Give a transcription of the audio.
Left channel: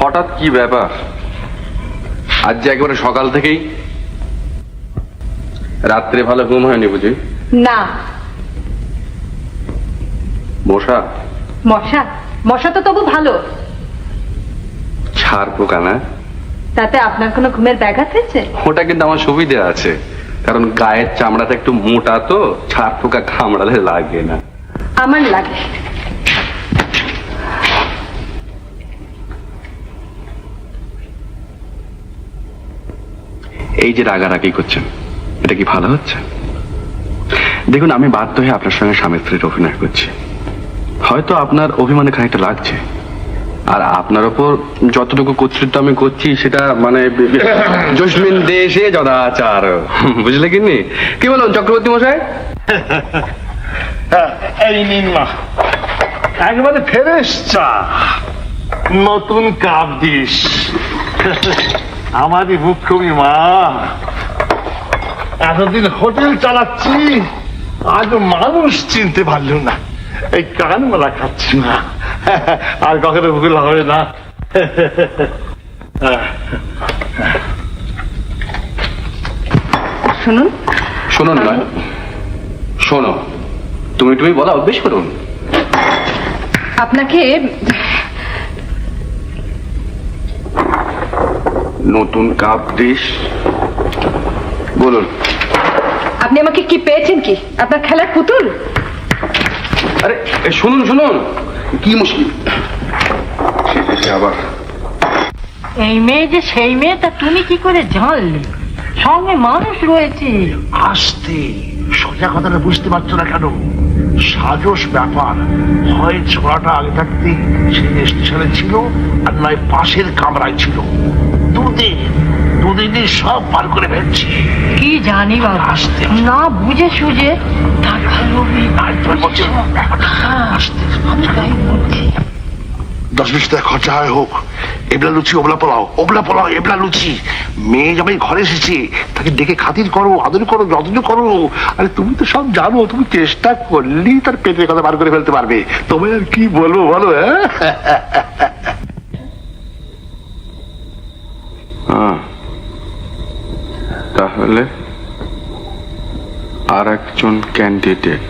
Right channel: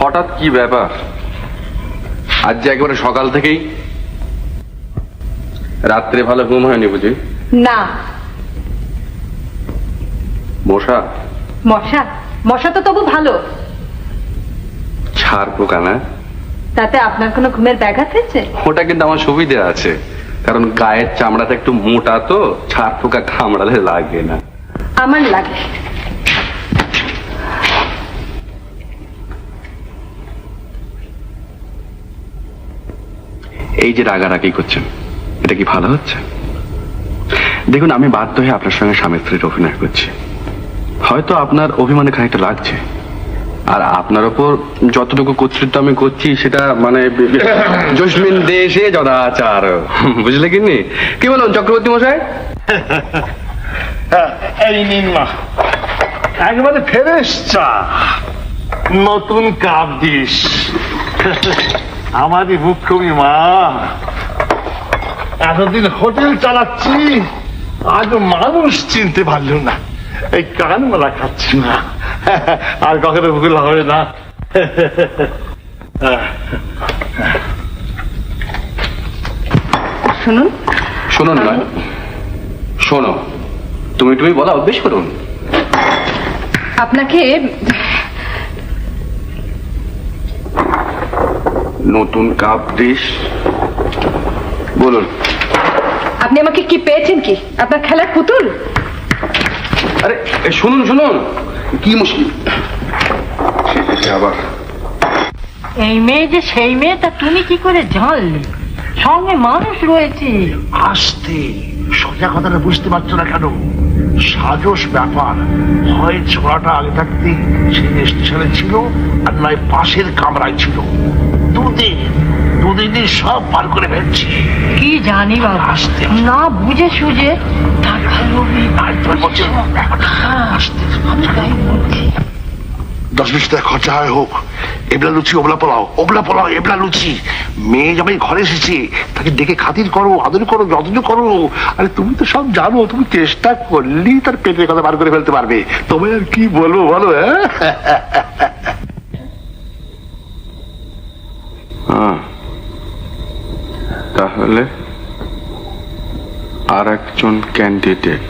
হঠাৎ কি ব্যাপার? আজ যে একেবারে সকাল থেকেই রাত্রে ভালো ঘুম হয়নি বুঝি? না। মশা? মশা? মশা তো তবু ভালো। ছাড় পোকা না? তাতে আপনার কোনো ঘুমের ব্যাঘাত হয়েছে? ওটা কিন্তু আমার সুবিধা আছে, কারণ গায়ের চামড়াটা একটু মোটা, তো ছাড় পোকা কামড়ালে লাগে না। আমার লাগে। এই যে রাগারাগি করছেন, এটা কি ভালো হচ্ছে? দেখুন, আমি বাধ্য হয়ে আপনার সঙ্গে স্বামী স্ত্রীর অভিনয় করছি। হয়তো আপনার অভিমানে খানিকটা লাগছে, আর আপনার ওপর যতটুকু কর্তৃত্ব আমি করছি সেটা মানে জসমিন দেশে যদাচার, বুঝলে কিনি? কি বলুন চক্রবর্তী মশাই? এই নিন মা, একবারে ফ্রেশ চা, নতুন কাপ দিস। আমারই মুখ্যমী মা, এতদিন হোটেল চালাচ্ছি, আজ মানুষ চিনতে পারল না। এই কান মালা খাচ্ছি না, আর কখনো ভুল হবে না। শুনুন। শুনুন নয়, শোনো। তুমি বলা অভ্যেস করুন। আপনাকে নতুন কাপ ডিশ বলুন। আপনি আমাকে কি পেয়েছেন? কি আপনার খেলার পুতুল? আরে শুনুন শুনুন, কি মুশকিল আবার। এই মেয়ে যে সেই মেয়ে, তা তুমি কি করে জানলে? সঙ্গে মানুষ রয়েছে। আসতে সোজা কথাটা বুঝতে পারছো না কেন? সাজস ব্যাপার। হয় ছোড়াটা আগে থাকতেই সেই স্টেশনে ছিল, আর নয় পাশের কামরায় ছিল। দুদিনই সব পার করে ফেলছি। কি জানি বাবা, আসতে না বুঝে সুঝে টাকা লোভী। আমি তাই বলছি। 10-20 টাকা খরচা হয় হোক, এবলা লুচি ওবলা পোলাও, ওবলা পোলাও এবলা লুচি। মেয়ে যখন ঘরে এসেছে তাকে ডেকে খাতির করো, আদর করো, যত্ন করো। আরে তুমি তো সব জানো, তুমি চেষ্টা করলেই তার পেটের কথা বার করে ফেলতে পারবে। তোমায় আর কি বলবো বলো? তাহলে আর একজন ক্যান্ডিডেট